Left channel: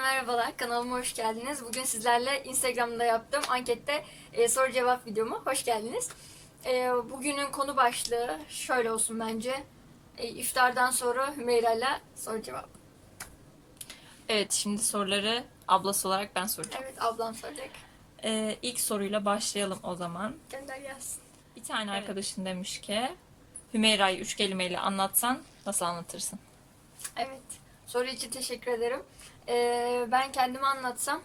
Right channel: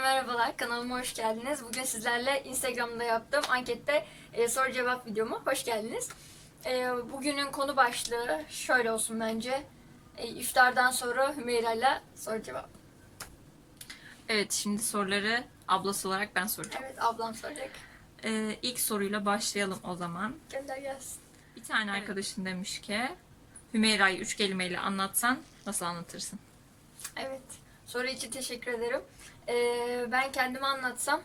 merhabalar, kanalıma hoş geldiniz. Bugün sizlerle Instagram'da yaptığım ankette e, soru cevap videoma hoş geldiniz. E, bugünün konu başlığı şöyle olsun bence. E, iftardan sonra Hümeyra ile soru cevap. Evet şimdi soruları ablası olarak ben soracağım. Evet, ablam soracak. Ee, ilk soruyla başlayalım o zaman. Gönder gelsin. Bir tane Evet. arkadaşın demiş ki Hümeyra'yı üç kelimeyle anlatsan nasıl anlatırsın? Evet, soru için teşekkür ederim. E, ben kendimi anlatsam,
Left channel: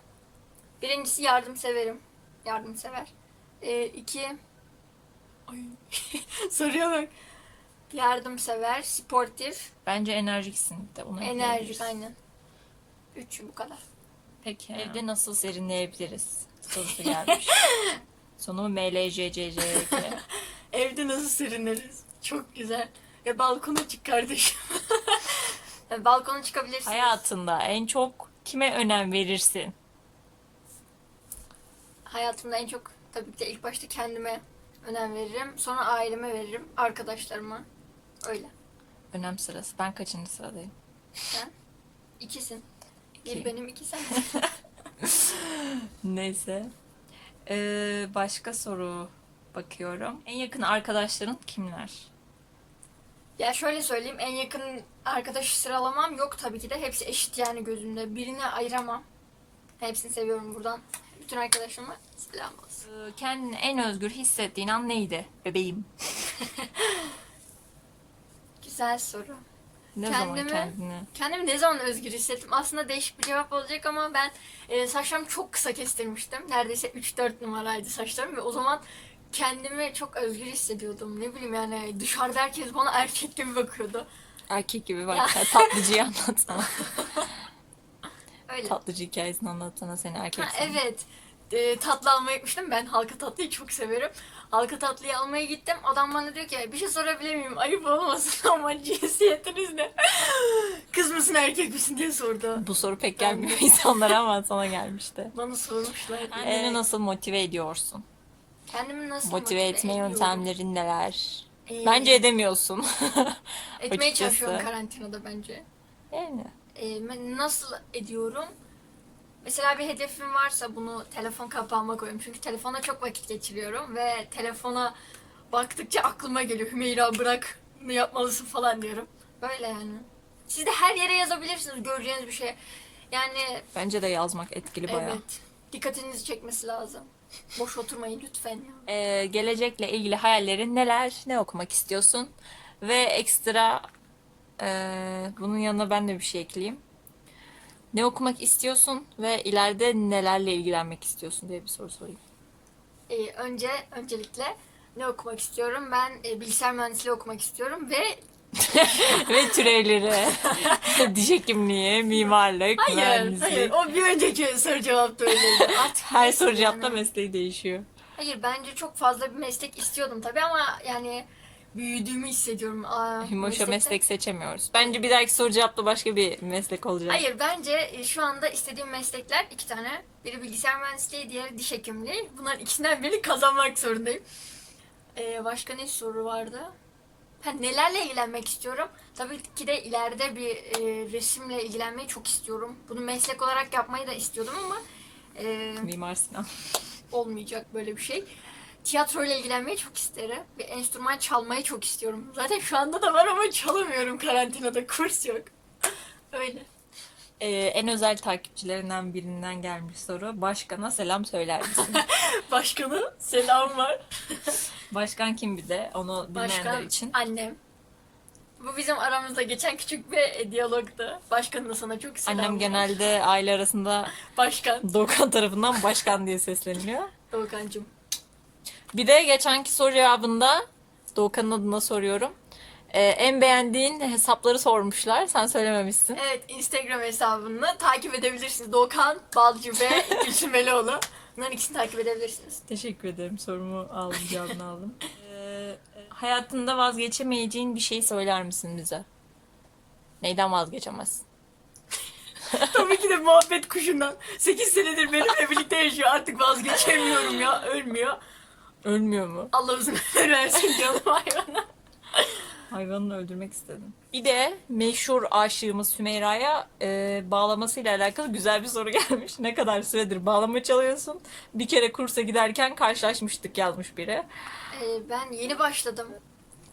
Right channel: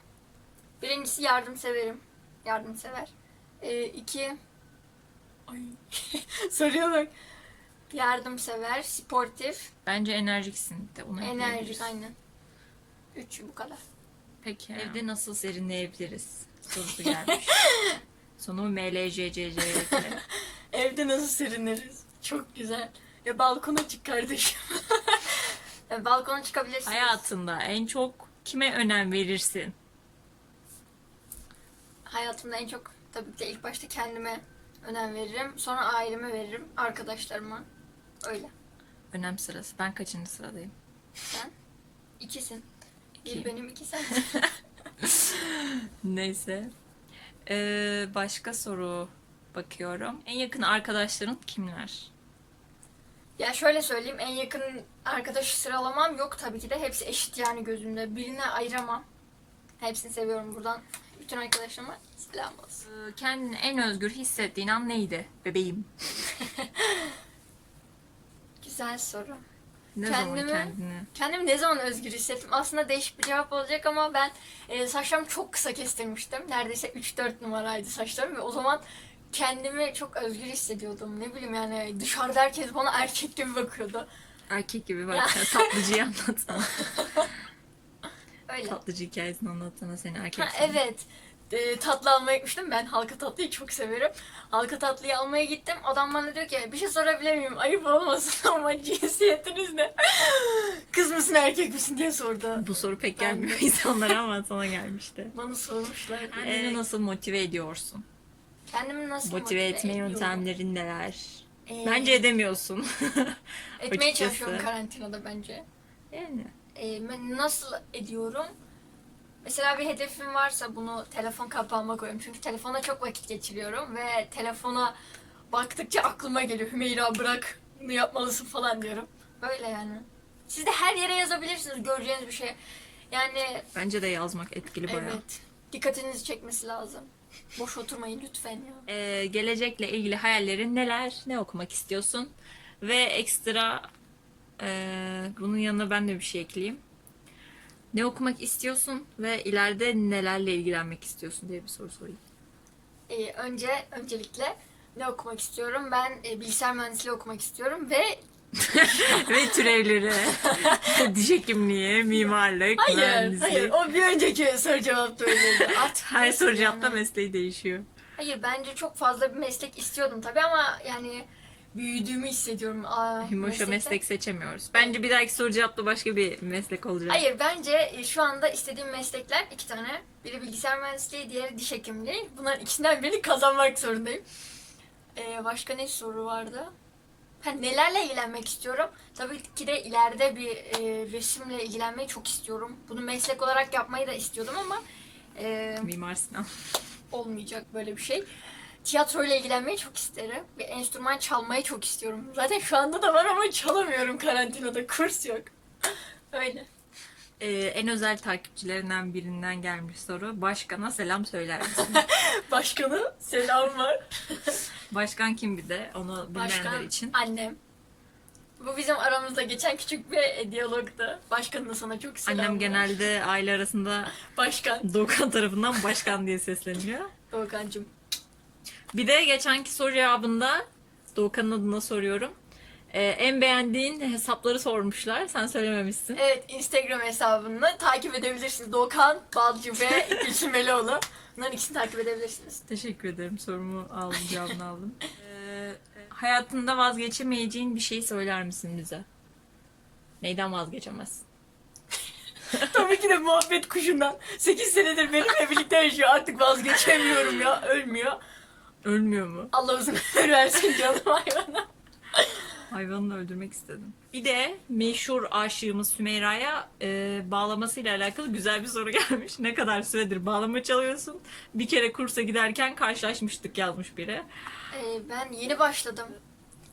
birincisi yardımseverim. Yardımsever. E, iki, Ay. soruya bak. Yardımsever, sportif, Bence enerjiksin de ona Enerjik aynen. Üç bu kadar. Peki evde nasıl serinleyebiliriz? Sorusu gelmiş. Sonu MLJCC. Evde nasıl serinleriz? Çok güzel. Ya balkona çık kardeşim. Ya balkona çıkabilirsin. Hayatında en çok kime önem verirsin? Hayatımda en çok tabii ki de ilk başta kendime önem veririm. Sonra aileme veririm. Arkadaşlarıma. Öyle. Önem sırası. Ben kaçıncı sıradayım? Sen? İkisin. Bir İki. benim iki sen. Neyse. Ee, başka soru bakıyorum. En yakın arkadaşların kimler? Ya şöyle söyleyeyim. En yakın arkadaşı sıralamam yok tabii ki de. Hepsi eşit yani gözümde. Birine ayıramam. Hepsini seviyorum buradan. Bütün arkadaşlarıma selam olsun. Ee, Kendini en özgür hissettiğin an neydi bebeğim? Güzel soru. Ne Kendimi- zaman kendini? Kendimi ne zaman özgür hissettim? Aslında değişik bir cevap olacak ama ben e, saçlarımı çok kısa kestirmiştim. Neredeyse 3-4 numaraydı saçlarım ve o zaman kendimi çok özgür hissediyordum. Ne bileyim yani dışarıda herkes bana erkek gibi bakıyordu. Erkek gibi bak. Tatlıcıyı anlatsana. Öyle. Tatlıcı hikayesini anlatsana seni erkek. Ha, evet. E, tatlı almaya gitmiştim. Ben halka tatlıyı çok severim. Halka tatlıyı almaya gittim. Adam bana diyor ki bir şey sorabilir miyim? Ayıp olmasın ama cinsiyetiniz ne? Kız mısın erkek misin diye sordu. Bu soru pek Ben gelmiyor de. insanlara ama sana gelmişti. Bana sormuşlar. Kendini nasıl motive ediyorsun? Kendimi nasıl Motive etme ediyorum? yöntemlerin neler? Ee, Bence edemiyorsun. etmeye açıkçası. çalışıyorum karantinada bence. yani. Ee, ben nasıl ediyorum? Mesela bir hedefim varsa bunu telefon kapağıma koyuyorum. Çünkü telefona çok vakit geçiriyorum ve telefona baktıkça aklıma geliyor. Hümeyra bırak bunu yapmalısın falan diyorum. Böyle yani. Siz de her yere yazabilirsiniz göreceğiniz bir şey. Yani Bence de yazmak etkili bayağı. evet. Dikkatinizi çekmesi lazım. Boş oturmayın lütfen ya. Ee, gelecekle ilgili hayallerin neler? Ne okumak istiyorsun? Ve ekstra e, bunun yanına ben de bir şey ekleyeyim. Ne okumak istiyorsun ve ileride nelerle ilgilenmek istiyorsun diye bir soru sorayım. Ee, önce öncelikle ne okumak istiyorum? Ben e, bilgisayar mühendisliği okumak istiyorum ve ve türevleri, diş hekimliği, mimarlık, Hayır, mühendislik. hayır. O bir önceki soru cevapta öyleydi. Artık Her neyse soru yani. cevapta mesleği değişiyor. Hayır, bence çok fazla bir meslek istiyordum tabii ama yani büyüdüğümü hissediyorum. Aa, Himoş'a meslekte- meslek seçemiyoruz. Bence bir dahaki soru cevapta başka bir meslek olacak. Hayır, bence e, şu anda istediğim meslekler iki tane. Biri bilgisayar mühendisliği, diğeri diş hekimliği. Bunların ikisinden birini kazanmak zorundayım. Ee, başka ne soru vardı? Ha, nelerle ilgilenmek istiyorum? Tabii ki de ileride bir e, resimle ilgilenmeyi çok istiyorum. Bunu meslek olarak yapmayı da istiyordum ama e, Mimar Sinan. olmayacak böyle bir şey. Tiyatroyla ilgilenmeyi çok isterim. Bir enstrüman çalmayı çok istiyorum. Zaten şu anda da var ama çalamıyorum karantinada. Kurs yok. Öyle. Ee, en özel takipçilerinden birinden gelmiş soru. Başkana selam söyler misin? Başkanı selam var. Başkan kim bir de onu bilmeyenler Başkan için. annem. Bu bizim aramızda geçen küçük bir e, diyalogdu. Başkanın da sana çok selam Annem genelde aile arasında Başkan. Doğukan tarafından başkan diye sesleniyor. Doğukancığım. Bir de geçenki soru cevabında Doğukan'ın adına soruyorum. Ee, en beğendiğin hesapları sormuşlar. Sen söylememişsin. Evet Instagram hesabını takip edebilirsiniz. Doğukan Balcı ve Gülsüm Melioğlu. Bunların ikisini takip edebilirsiniz. Teşekkür ederim. Sorumu aldım, cevabını aldım. Ee, hayatında vazgeçemeyeceğin bir şey söyler misin bize? Neyden vazgeçemezsin? Tabii ki de muhabbet kuşundan. 8 senedir benimle birlikte yaşıyor. Artık vazgeçemiyorum ya. Ölmüyor. Ölmüyor mu? Allah uzun ömür versin canım hayvana. Hayvanını öldürmek istedim. Bir de meşhur aşığımız Sümeyra'ya e, bağlamasıyla alakalı güzel bir soru gelmiş. Ne kadar süredir bağlama çalıyorsun? Bir kere kursa giderken karşılaşmıştık yazmış biri. Ee, ben yeni başladım.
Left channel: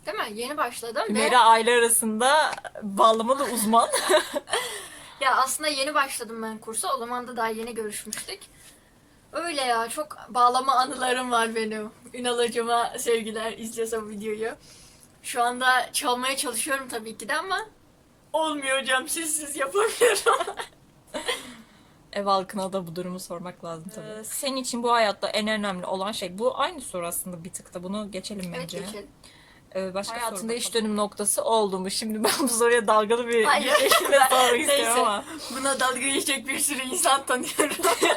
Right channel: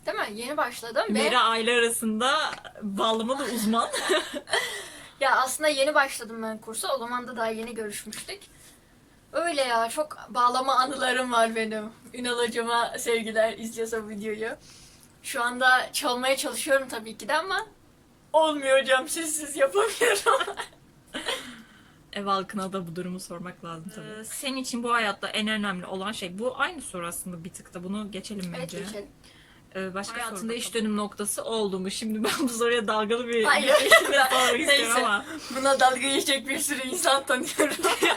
Değil mi? Yeni başladım ve Mera aile arasında bağlamalı uzman. ya aslında yeni başladım ben kursa. O zaman da daha yeni görüşmüştük. Öyle ya çok bağlama anılarım var benim. Ünal hocama sevgiler izliyorsa bu videoyu. Şu anda çalmaya çalışıyorum tabii ki de ama olmuyor hocam sizsiz yapamıyorum. Ev halkına da bu durumu sormak lazım tabii. Senin için bu hayatta en önemli olan şey bu aynı soru aslında bir tık da bunu geçelim evet bence. geçelim. Ee, başka Hayatında iş dönüm noktası oldu mu? Şimdi ben bu soruya dalgalı bir Hayır. istiyorum Neyse. ama Buna dalga geçecek bir sürü insan tanıyorum.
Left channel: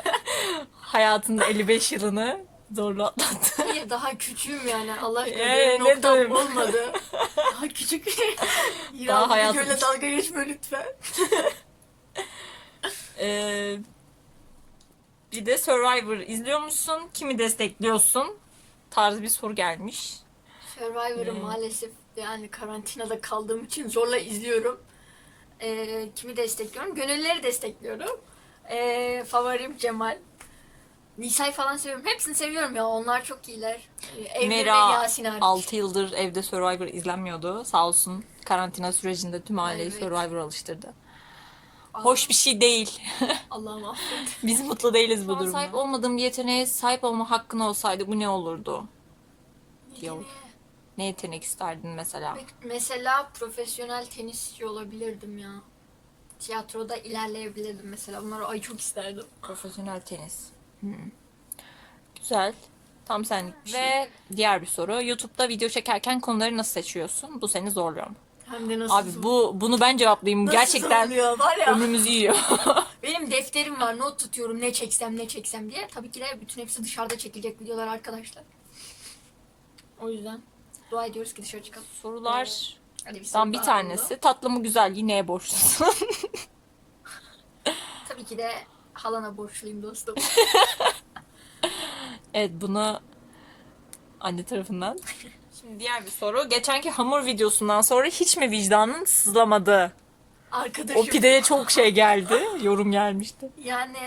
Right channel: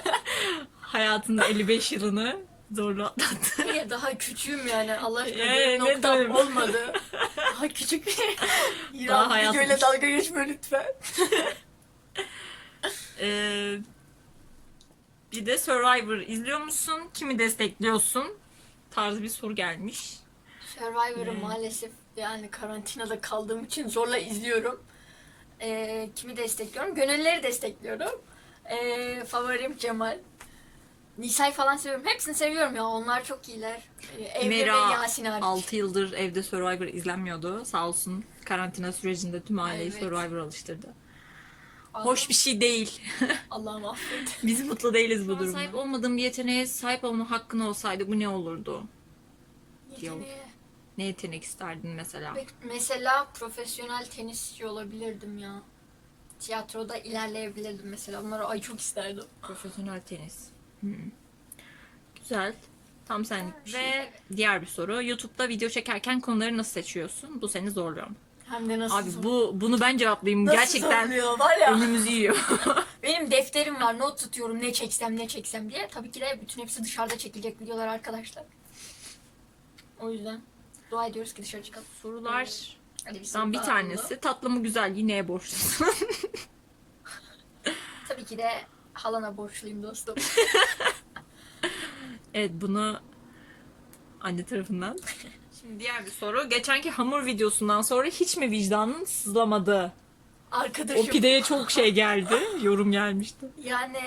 hayatında 55 yılını zorlu atlattı. Niye daha küçüğüm yani Allah aşkına Ya, benim ne noktam diyorum? olmadı. Daha küçük. Daha Daha hayatım- videoyla dalga geçme lütfen. Ee, bir de Survivor izliyor musun? Kimi destekliyorsun? Tarzı bir soru gelmiş. Survivor'ı Hmm. maalesef yani karantinada kaldığım için zorla izliyorum. Ee, kimi destekliyorum? Gönülleri destekliyorum. Ee, favorim Cemal. Nisa'yı falan seviyorum. Hepsini seviyorum ya. Onlar çok iyiler. Ee, Evrim Mera ve Yasin hariç. 6 yıldır evde Survivor izlenmiyordu. Sağ olsun karantina sürecinde tüm aileyi Evet. Survivor alıştırdı. Allah- Hoş bir şey değil. Allah'ım affet. Biz mutlu değiliz bu durumda. sahip olmadığım bir yeteneğe sahip olma hakkın olsaydı bu ne olurdu? Yeteneği. Ne yetenek isterdin mesela? Mesela profesyonel tenisçi olabilirdim ya. Tiyatroda ilerleyebilirdim mesela. Bunları ay çok isterdim. Profesyonel tenis. Hmm. Güzel. Tam sen. şey, Ve diğer bir soru. YouTube'da video çekerken konuları nasıl seçiyorsun? Bu seni zorluyor mu? Hem de nasıl Abi bu bunu ben cevaplayayım. nasıl Gerçekten zorluyor var ya. önümüzü yiyor. Benim defterim var. Not tutuyorum ne çeksem ne çeksem diye. Tabii ki de bütün hepsi dışarıda çekilecek videolar arkadaşlar. O yüzden dua ediyoruz ki dışarı çıkalım. Sorular. Hadi bir, Tam soru bir daha tanesi. oldu. Tatlı mı güzel yine borçlusun. Tabii ki de halana borçluyum dostum. evet bunu anne tarafından. Şimdi diğer bir soru. Geçenki hamur videosundan sonra hiç mi vicdanın sızlamadı? O Arkadaşım. pideye çok şey geldi. Yorum gelmişti. Yani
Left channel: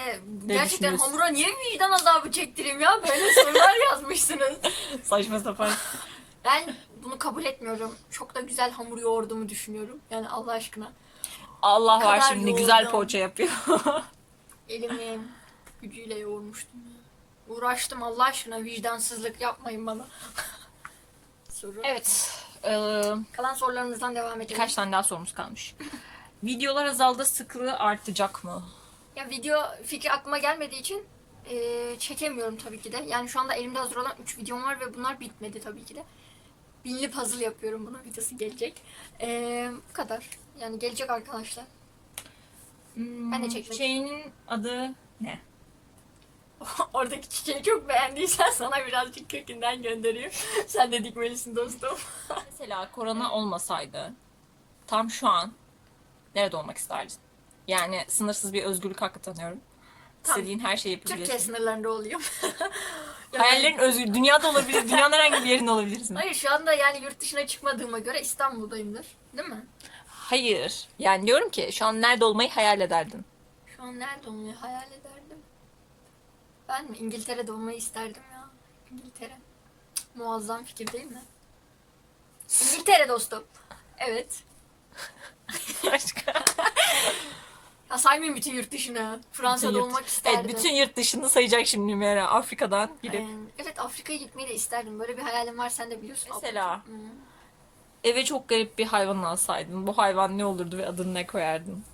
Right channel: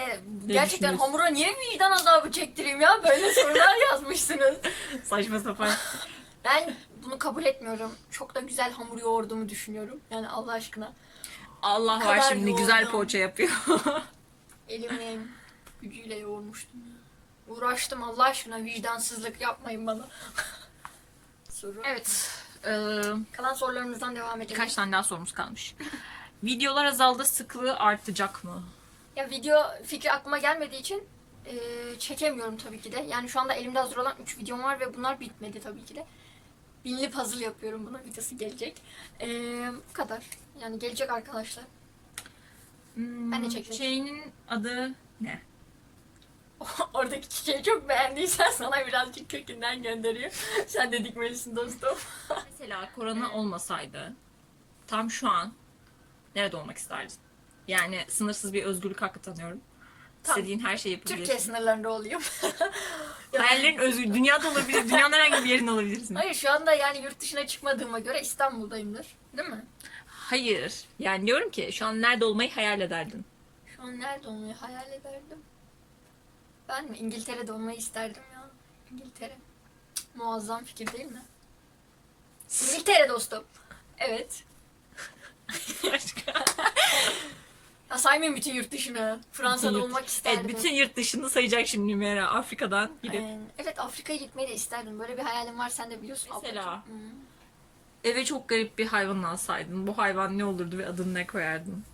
Ne gerçekten hamura niye vicdan azabı çektireyim ya? Böyle sorular yazmışsınız. Saçma sapan. Ben bunu kabul etmiyorum. Çok da güzel hamur yoğurduğumu düşünüyorum. Yani Allah aşkına. Allah var şimdi güzel yoğurdum. poğaça yapıyor. Elimin gücüyle yoğurmuştum ya. Uğraştım Allah aşkına vicdansızlık yapmayın bana. Soru. evet. Ee, Kalan sorularımızdan devam edelim. birkaç tane daha sorumuz kalmış. Videolar azaldı sıklığı artacak mı? Ya video fikri aklıma gelmediği için e, çekemiyorum tabii ki de. Yani şu anda elimde hazır olan 3 videom var ve bunlar bitmedi tabii ki de. Binli puzzle yapıyorum bunun videosu gelecek. E, bu kadar. Yani gelecek arkadaşlar. Ben de çekmek- Şeyinin adı ne? Oradaki çiçeği çok beğendiysen sana birazcık kökünden göndereyim. Sen de dikmelisin dostum. Mesela korona olmasaydı tam şu an nerede olmak isterdin? Yani sınırsız bir özgürlük hakkı tanıyorum. Tam İstediğin her şeyi Türkiye yapabilirsin. sınırlarında olayım. Yani- Hayallerin özgür. Dünyada olabilir. Dünyanın herhangi bir yerinde olabilirsin. Hayır şu anda yani yurt dışına çıkmadığıma göre İstanbul'dayımdır. Değil mi? Hayır. Yani diyorum ki şu an nerede olmayı hayal ederdin. Şu an nerede olmayı hayal ederdim? Ben mi? İngiltere'de olmayı isterdim ya. İngiltere. Cık, Muazzam fikir değil mi? İngiltere dostum. Evet. Ya saymayayım bütün yurt dışını. Fransa'da Bütün yurt- olmak isterdim. Evet, bütün yurt dışını sayacak şimdi yani Afrika'dan gidip. Ee, evet Afrika'ya gitmeyi de isterdim. Böyle bir hayalim var sen de biliyorsun. Mesela? ablacığım. Hı. Eve çok garip bir hayvan alsaydın. Bu hayvan ne olurdu ve adını ne koyardın?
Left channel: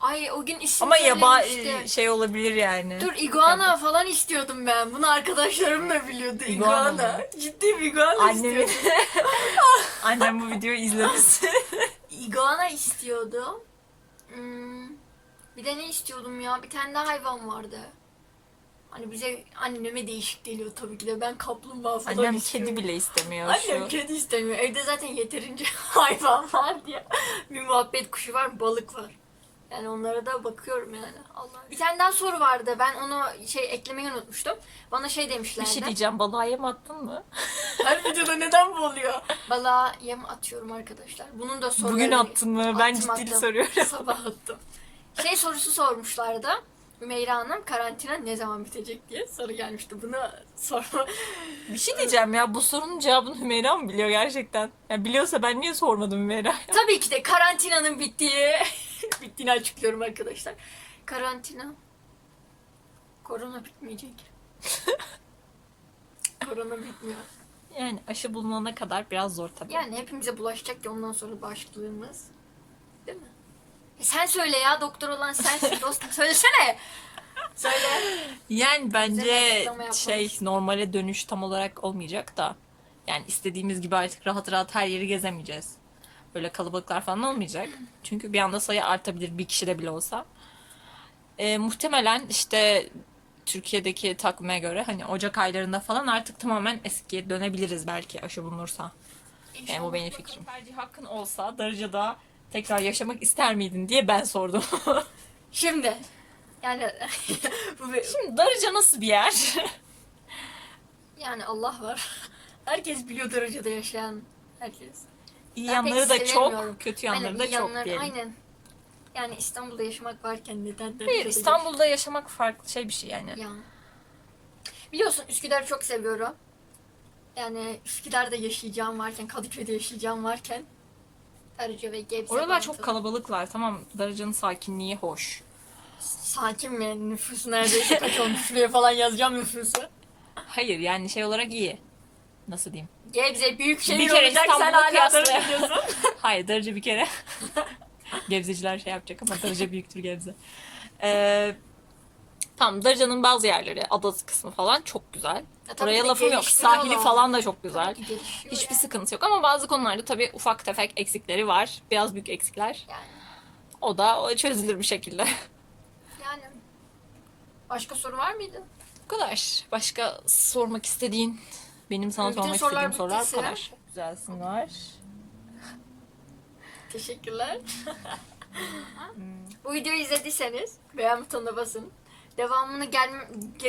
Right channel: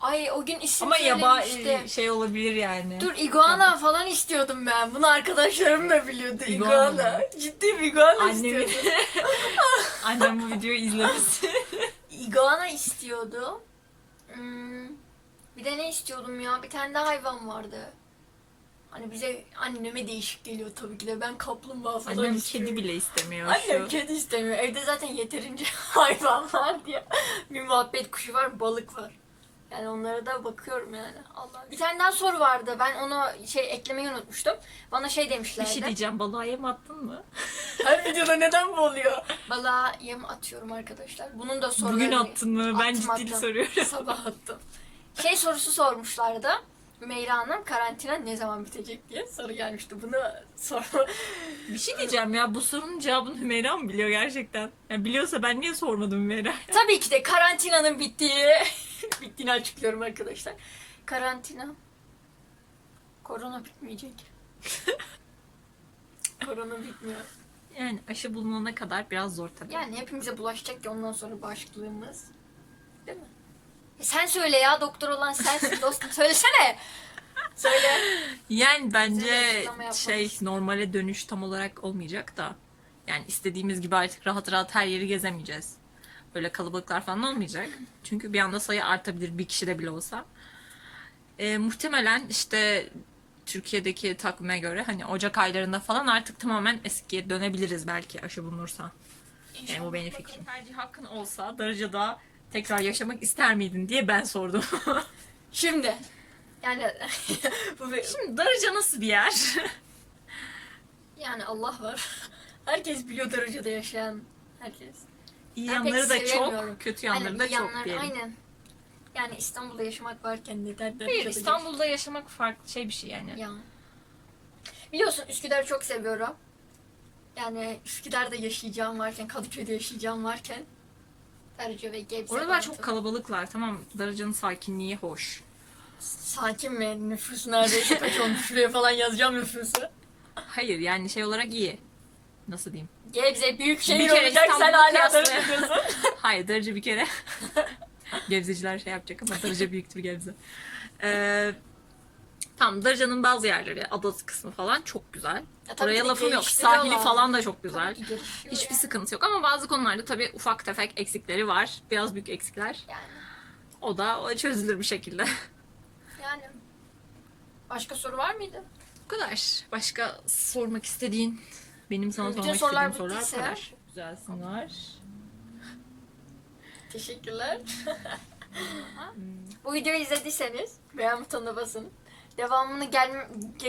Ay o gün isim Ama yaba söylemişti. şey olabilir yani. Dur iguana falan istiyordum ben. Bunu arkadaşlarım da biliyordu. İguana Iguana. Ciddi bir iguana Annemin... istiyordum. Annem bu videoyu izlemesin. Iguana istiyordum. Hmm, bir de ne istiyordum ya? Bir tane daha hayvan vardı. Hani bize anneme değişik geliyor tabii ki de. Ben kaplumbağa falan Annem istiyorum. kedi bile istemiyor. Annem kedi istemiyor. Evde zaten yeterince hayvan var diye. Bir muhabbet kuşu var, balık var. Yani onlara da bakıyorum yani. Allah. Bir tane daha soru vardı. Ben onu şey eklemeyi unutmuştum. Bana şey Bir demişlerdi. şey diyeceğim balığa yem attın mı? Her videoda neden bu oluyor? Balığa yem atıyorum arkadaşlar. Bunun da soruları... Bugün attın mı? Ben Attım, ciddi attım. soruyorum. Sabah attım. Şey sorusu sormuşlardı. Hümeyra Hanım karantina ne zaman bitecek diye soru gelmişti. Bunu sorma. Bir şey diyeceğim ya bu sorunun cevabını Hümeyra mı biliyor gerçekten? Ya biliyorsa ben niye sormadım Hümeyra? Tabii ki de karantinanın bittiği bittiğini açıklıyorum arkadaşlar. Karantina korona bitmeyecek. korona bitmiyor. Yani aşı bulunana kadar biraz zor tabii. Yani hepimize bulaşacak ki ondan sonra bağışıklığımız. Sen söyle ya doktor olan sensin dostum söylesene. Söyle. Yani bence şey normale dönüş tam olarak olmayacak da. Yani istediğimiz gibi artık rahat rahat her yeri gezemeyeceğiz. Böyle kalabalıklar falan olmayacak. Çünkü bir anda sayı artabilir bir kişi de bile olsa. Ee, muhtemelen işte Türkiye'deki takvime göre hani Ocak aylarında falan artık tamamen eskiye dönebiliriz belki aşı bulunursa. Yani bu benim fikrim. Tercih hakkın olsa Darıca'da tekrar yaşamak ister miydin diye ben sordum. Şimdi yani bu bir- Şimdi Darıca nasıl bir yer? yani Allah var. Herkes biliyor derecede yaşayan herkes. İyi Ben yanları da çok, kötü yanları aynen, da çok diyelim. Aynen. Yani İstanbul'da yaşamak varken neden Hayır, Darıca'da İstanbul'da yaşamak farklı şey bir şey yani. Ya. Biliyorsun Üsküdar'ı çok seviyorum. Yani Üsküdar'da yaşayacağım varken, Kadıköy'de yaşayacağım varken Darıca ve Gebze Oralar Bantı. çok kalabalıklar. Tamam Darıca'nın sakinliği hoş. Sakin mi? Nüfusu neredeyse kaç olmuş? Şuraya falan yazacağım nüfusu. Hayır yani şey olarak iyi. Nasıl diyeyim? Gebze büyük şehir kere olacak sen İstanbul'u hala kıyasla. Darıca diyorsun. Hayır Darıca bir kere. Gebzeciler şey yapacak ama Darıca büyüktür Gebze. Ee, tamam Darıca'nın bazı yerleri, adası kısmı falan çok güzel. Ya tabii Oraya lafım yok. Sahili falan da çok güzel. Hiçbir yani. sıkıntı yok ama bazı konularda tabii ufak tefek eksikleri var. Biraz büyük eksikler. Yani, O da o çözülür bir şekilde. yani. Başka soru var mıydı? Bu kadar. Başka sormak istediğin, benim sana Bütün sormak sorular istediğim sorular bu bittiyse- kadar. Güzelsin var. Teşekkürler. Bu videoyu izlediyseniz beğen butonuna basın. Devamını gel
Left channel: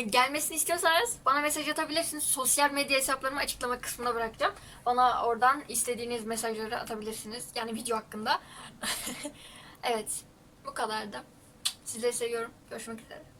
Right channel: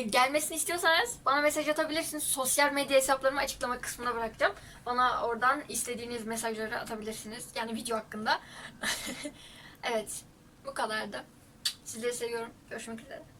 gelmesini istiyorsanız bana mesaj atabilirsiniz. Sosyal medya hesaplarımı açıklama kısmına bırakacağım. Bana oradan istediğiniz mesajları atabilirsiniz. Yani video hakkında. evet. Bu kadardı. Sizleri seviyorum. Görüşmek üzere.